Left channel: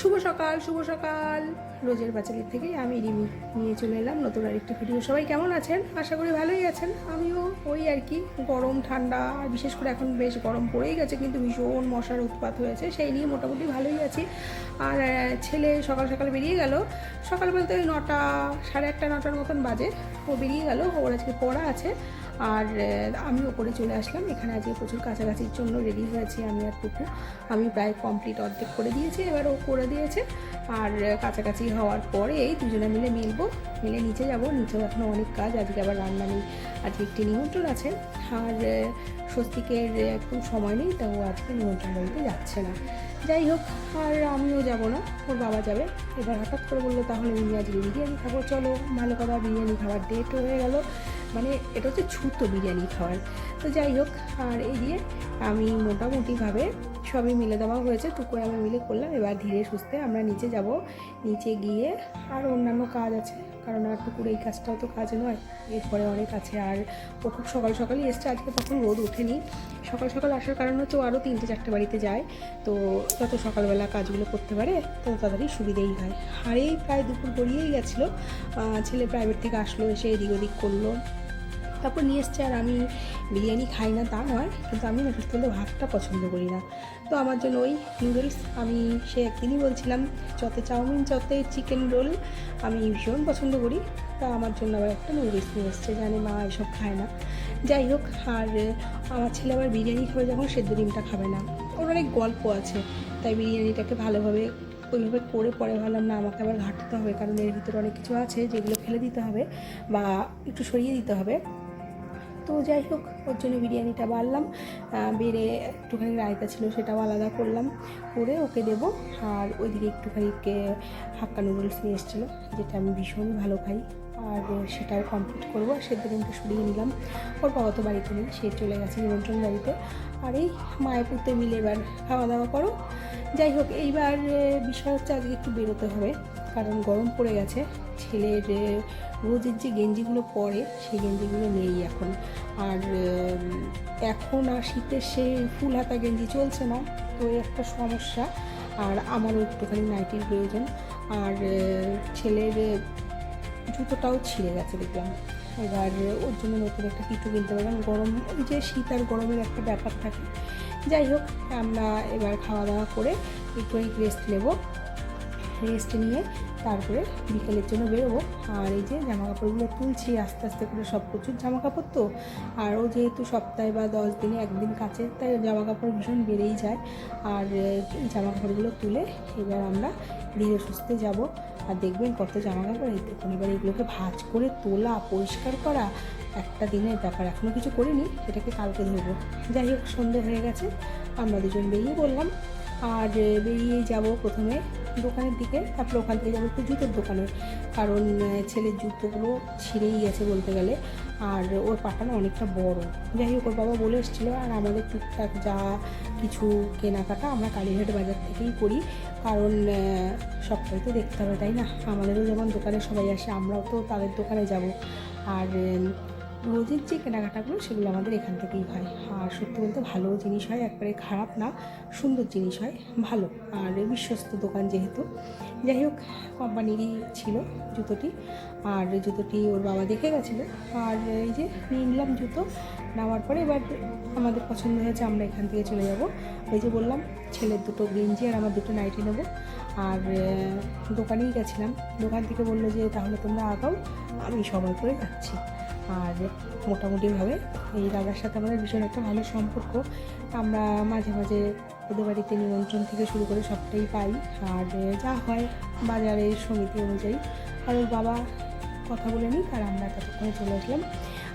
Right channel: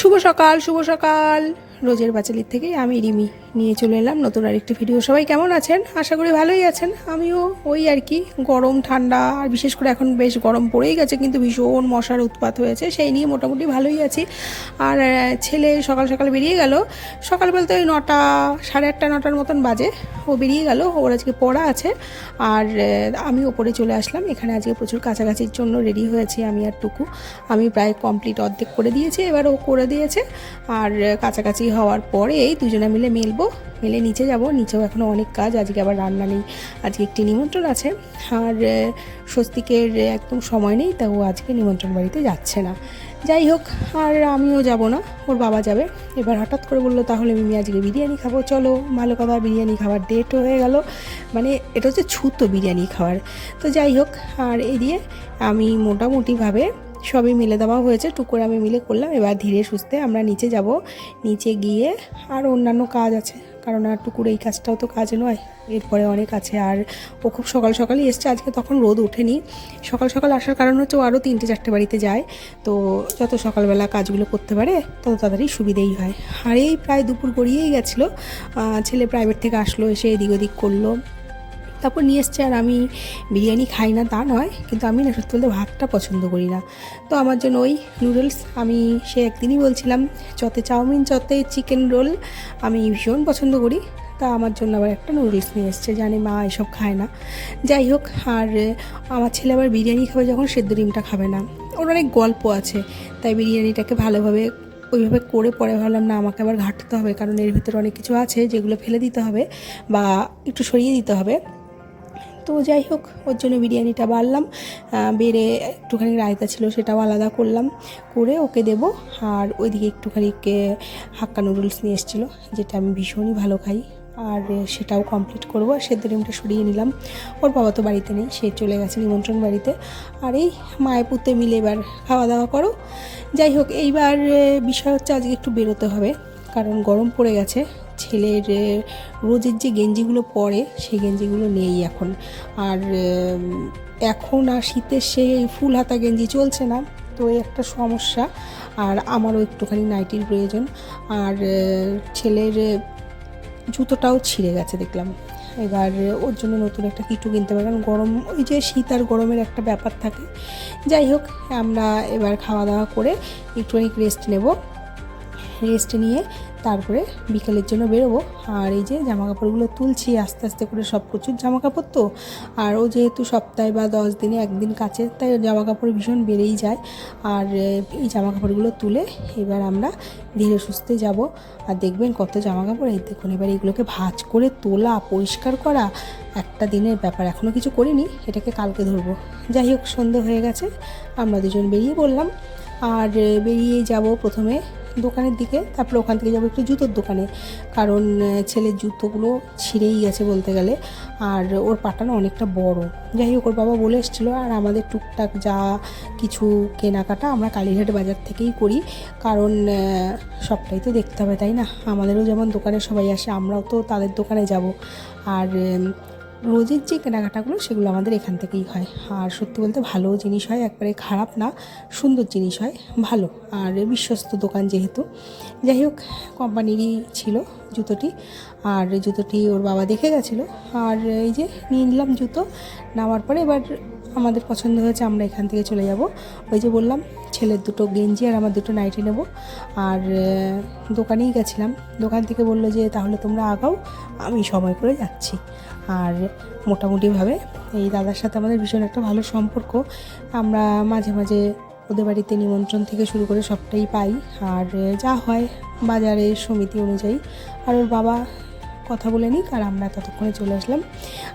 শুভ সকাল, শুভ সকাল। রোজের বাচালির থেকে আমি রিমি নিয়ে চলে এলাম নতুন আরেকটি ভিডিও। সবাই কেমন আছেন? আশা করি ভালোই আছেন। আমিও ওই আর কি, গরম ঠান্ডা, আর বিশেষ করে এখন বেশ গরম পড়েই গেছে, কিন্তু ভীষণ মশার উৎপাত হয়েছে, সেই নিয়ে মোটামুটি ভালোই আছি। আর ছেলে সকাল সকাল বেরিয়ে গেল। সকাল বলতে ওই 9টা, 8:30, 9টার মতন বাজে ও বেরিয়ে গেল। ওর আজকে পড়া আছে। আর আমি ওপরে চলে আসলাম। এখানে আজকে প্রচুর কাছাকাছির জন্য রেডি হয়েছি আমি আর টুকু। আমি প্রায় কমপ্লিট অর্ধেক করে দিয়েছি, এবার ও করে দিয়েছে। আর কাছাকাছি হওয়ার পরে এই দুজনে মিলে মিলে নিচে যাব। নিচেও এখনও অনেক কাজ, আজকে আবার রান্না নেই, আজকে একটি নিমন্ত্রণ আছে। আর স্বস্তিকের একদম সময় নেই, তা ও আজকে নিমন্ত্রণ বাড়িতে যাচ্ছে না। যাই হোক, আর আমিও যাব না, ওর বাবা যাবে। এবার হঠাৎ করে বললো তাহলে মিমি আজকে বিরিয়ানি খাবো, চলো। ভালো কথা, বিরিয়ানি খাওয়ার ডেটও হয়ে গেল। মানে এটা হচ্ছে ছুতো বিরিয়ানি খাওয়ার। তো যাই হোক, আর এই দিয়ে আমি মোটামুটিভাবে সবই মিলে দেওয়া হয়েছে, টুকুর আমি মিলে করলাম। এবার ধীরে সুস্থে আমরা নিচে যাব। নিচে গিয়ে আর অন্যান্য কাজ আছে, কারণ আর টুকুর এই কাজটাও তো কাজ নয়, এরপরে অনেক আছে। আর ও খুব সকাল সকালই এসছে আজকে, তখন রোদ ওঠেনি। সকাল সকাল আসার কারণ হচ্ছে ও আরও 3টে 4টে বাড়িতে যায়, তো যত সকালবেলা কাজগুলো করতে পারে তত তাড়াতাড়ি সুবিধেই হয়। আর এই প্রায় দুপুর গড়িয়েই গেছিলো, ছেলে প্রাইভেট থেকে আসলো, এসে এদিক ওদিক করলো, তারপর নিয়ে এসছে। আর আমি বিরিয়ানি খাই না তা নয়, কিন্তু আমি না সত্যি বলতে ভাতটা পছন্দ করি না। তো আমার জন্য ওই নুডলস, আমি সে একদিনই বলছিলাম চতে চাউমিন, চতে চিকেন রোল আমি ভীষণ পছন্দ করি। তা আমার জন্য আবার একটা নুডলস নিয়ে এসছে, জানি মা এসব খায় না। যাই হোক, আর আমার ছেলে আবার বিরিয়ানি খাবে যখন, সেদ্ধ ডিমটা খাবে না। ওর অনেক গল্প আছে, তাই বিরিয়ানিটাকে ভালোভাবে ওইভাবে করে পরে ভাবলাম না, আমাকে আবার ঘাঁটতে হবে, কারণ এর ভিতরে অনেক কিছু আছে যেগুলো ফেলে দিতে হবে বা একটু সরিয়ে দিতে হবে। তো যাই হোক, ওর জন্য বিরিয়ানিটা বাড়লাম, বেড়ে একটুখানি রায়তা ছিল সেটাও আলাদা করলাম, করে ওকে দেব। আর ওইদিকে একটুখানি হাক্কা নুডলস নিয়ে এসেছিলো, যেটা আমি ভীষণই ভালো খাই, আর সেটাও কমপ্লিট করবো। আর সেদ্ধ ডিমটা সরিয়ে নিলাম। ওর বাবা তো বাড়িতে নেই, সে চলে গেছে নিমন্ত্রণ বাড়িতে। আর এই মায়ে পুতে মিলে এবার খাওয়া দাওয়া করো। যাই হোক, এইবার বিষয় হচ্ছে আজকে একটু বেরোতে হবে, কারণ গরম পড়ে গেছে। ছেলের রোজের যে গেঞ্জিগুলো পরে সেই গেঞ্জিগুলো নেই এখন। আর এখন আর শীতের সেই ফুল হাতা গেঞ্জি চলছে না, তো এই একটা সমস্যা। আর আমারও একটুখানি নাইটির প্রয়োজন। আর ছেলের জুতোটাও ছিঁড়ে গেছে দেখলাম। এবার ওর জন্য নতুন একটা কিটু কিনতে পারলাম। গরম, ওই যে শীত আর গরমের একটা ব্যাপার থাকে। যাই হোক, আমরা এবার খাওয়া দাওয়া করে একটুখানি রেস্ট নেব। রেস্ট নিয়ে তারপরে বিকেলের জন্য বেরোবো। আর এই যে জামা কাপড়গুলো তুলছি আস্তে আস্তে করে, সব প্রচুর জামা কাপড় তো। আর ও যেহেতু সপ্তাহে বা 10 দিনে একদিন কাচে, তাই জামা কাপড় ভীষণ বেড়েই যায়। আর এই জামা কাপড়গুলো তুলে এবার আমরা ধীরে সুস্থে যাব। আর দেখবেন কত জামা কাপড়, এই দেখুন। এবার এগুলোকে ভাঁজ করে তোলা, পরিষ্কার করা একটা দিনের ব্যাপার। এখনও কিছু করিনি, এটাকে কালকে ধরবো। যাই হোক, সন্ধে হয়ে গেছে, আমরা দুজন বেরিয়ে পড়লাম। আর বেরিয়ে যাব প্রথমে দোকানের দিকে, তারপরে ওখান থেকে যাবো একটু জুতোর দোকানে, কারণ ছেলের জুতোগুলো ছিঁড়েই গেছে বলতে গেলে। আর ওর পাটানো অনেকটা বড়। যাই হোক, ওর বাবা বলে এসেছিলো। আর আমাদের টুকটাক যা কিছু কেনাকাটা আমরা কালীঘাট বাজার থেকেই করি, কারণ সবটাই তো দেখতে হবে, তাই না? আমাদেরও যেমন দোকানে সবাই আসে, আমরাও তো তাদের দোকানে যাব। আর রোজের যে কেনাকাটাগুলো সেগুলো আমাদের এখান থেকেই হয়। আর সত্যি বলতে ভালো জিনিস হয়, একবারে খারাপ না, সুন্দর জিনিস হয়, ভালো। আর বিশ্বস্ত দোকান যেহেতু। যাই হোক, কোম্পানিরই ছিল জুতোটি। আর জুতোটি ওর বাবা দেখে গেছিলো। আর এই যে নিয়ে নিলাম জুতো। নেওয়ার পরে এবার আমাদের পছন্দ হয়েছে, আমরা এখান থেকে চলে যাব। ওই যে বললাম, ছেলের দুটো গেঞ্জি আর আমার দুটো নাইটি নেব। আর দোকানেই গেছিলাম, দোকান থেকে বললো যে তাহলে তোমরা আগাও, আমি সময় করে যাচ্ছি। আর মোটামুটিভাবে এই দাদার সাথে আমাদের ভীষণ একটা ভালো সম্পর্ক। আমরা মাঝে মাঝে ওদের বাড়িতে নিমন্ত্রণ থেকে শুরু করে সবটাই পাই। আর যা হয় বাজারের সমিতি অনুযায়ী। আর ওর বাবা কথা বলে নিক, আর আমরা ততক্ষণে চলে আসলাম।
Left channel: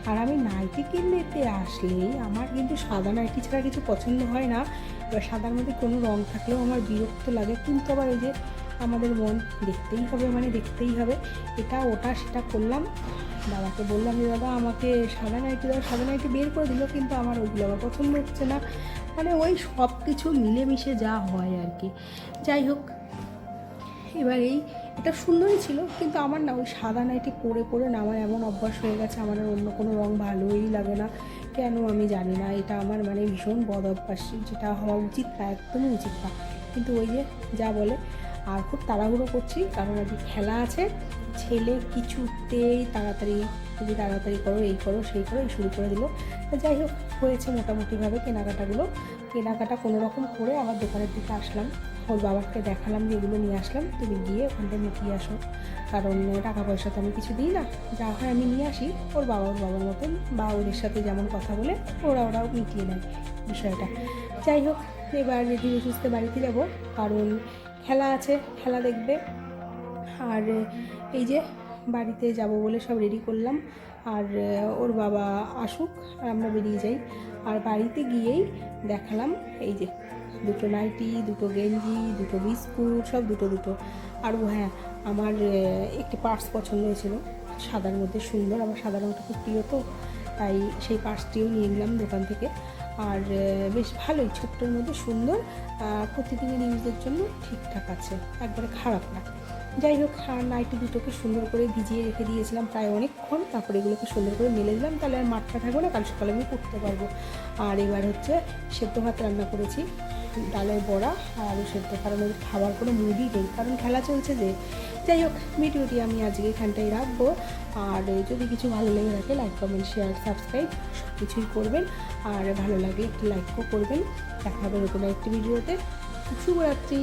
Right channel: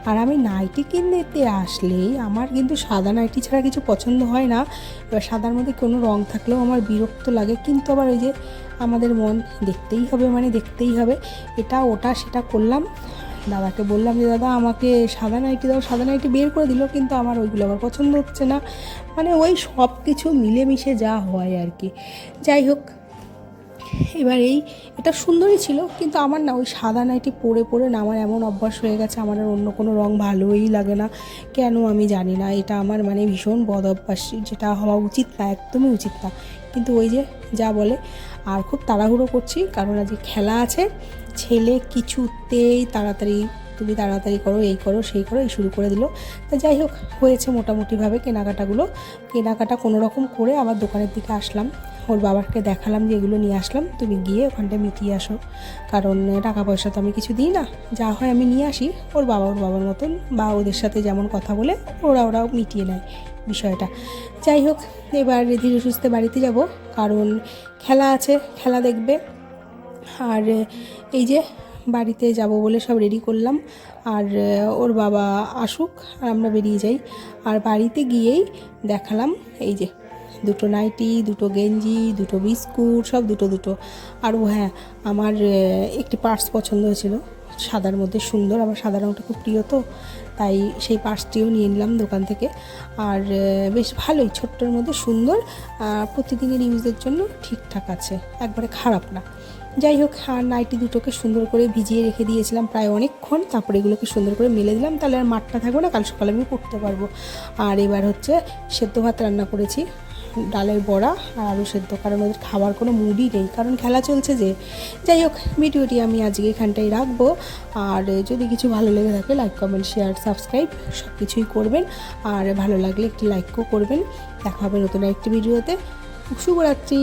আর আমি নাইটি কিনতে আসলেই আমার কিন্তু সাদা নাইটি ছাড়া কিছু পছন্দ হয় না। এবার সাদার মধ্যে কোনো রং থাকলেও আমার বিরক্ত লাগে, কিন্তু আবার ওই যে আমাদের মন, দেখতেই হবে মানে দেখতেই হবে, এটা ওটা সেটা করলাম। দাদাকে বললাম যে দাদা আমাকে সাদা নাইটি দাও, সাদা নাইটি বের করে দিল, কিন্তু আমার ওইগুলো আবার পছন্দ হচ্ছে না। মানে ওই সব কিছু মিলেমিশে যা হয় আর কি। যাই হোক, এবার এটা সুন্দরই ছিল, কিন্তু আমার না ওই সাদা নাইটি পরে পরে না আমার এমন অভ্যাস হয়ে গেছে, আমার আর অন্য কোনো রং ভালোই লাগে না, কেন আমি জানি না। এটা আমার মানে ভীষণ বদ অভ্যাস, যেটা হওয়া উচিত না, একদমই উচিত না, কিন্তু ওই যে যা বলে। আর খুব তাড়াহুড়ো করছি কারণ আজকে খেলা আছে। ছেলে কিছুতেই তুমি তাড়াতাড়ি করো, এই করো সেই করো, এই শুরু করে দিল। তা যাই হোক, হয়েছে মোটামুটিভাবে কেনাকাটা কোনো রকম করে আবার দোকানের দিকে আসলাম। ওর বাবাকে দেখালাম যে এগুলো নিয়ে আসলাম, তুমি গিয়ে ওখানটায় মিটিয়ে আসো, কারণ টাকা পয়সা তো আমি কিছু দিই না, যা হয় আমি নিয়ে আসি। ওর বাবার মতন বা ওদের সাথে যেমন কথা বলে ওরাও মিটিয়ে নেয় বিষয়টা। যাই হোক, এবার ধীরে সুস্থে বাড়িতে যাব, কারণ খেলা আছে, খেলা দেখবে। আর এই যে বাড়িতে যাব বলে সব রেডি করলাম, আর ওর বাবা আসুক আর আমরা বেরিয়ে যাই। আর বাড়িতে গিয়েই দেখালাম এই যে দুটো নাইটি, দুটো গেঞ্জি, দুটো বিস্কুট, সব দুটো। আর হ্যাঁ, আমার একটি পার্স পছন্দ হয়েছিল সাদার মধ্যে, সুন্দর, আমার সাদা রঙটা খুব প্রিয়, তো তাই সেই পার্সটিও নিয়ে নিলাম দোকান থেকে। আর বেশ ভালোই, ছোট্টর মধ্যে সুন্দর, প্রতিদিনের ইউজের জন্য ঠিকঠাক আছে, একবারে খারাপ না। যাই হোক, আর নাইটি দুটোকে সুন্দর করে ভিজিয়ে রেখে দিয়েছিলাম প্রায় অনেকক্ষণ, তারপরে এগুলোকে সুন্দর করে মেলে দিলাম, তাহলে আর মাঠটা থাকবে না, কাল সকালে আমি পড়তে পারবো। আর এবার হচ্ছে সেদ্ধ ভাত রান্না করেছি, ডালের বড়া আর আলু সেদ্ধ, কারণ ওদের খাওয়ার কোনো মুডই নেই, কারণ খেলা চলছে যে। যাই হোক, ভিডিওটি আমি আজকে এখানটাই রাখবো। আর যদি কিছু ভালো লেগে থাকে, লাইক, কমেন্ট, শেয়ার, সাবস্ক্রাইব সব কিছুই করবেন। আর ভালো লাগলে একটি লাইকও করবেন। দেখা হবে নতুন একটি ভিডিওতে। শুভরাত্রি।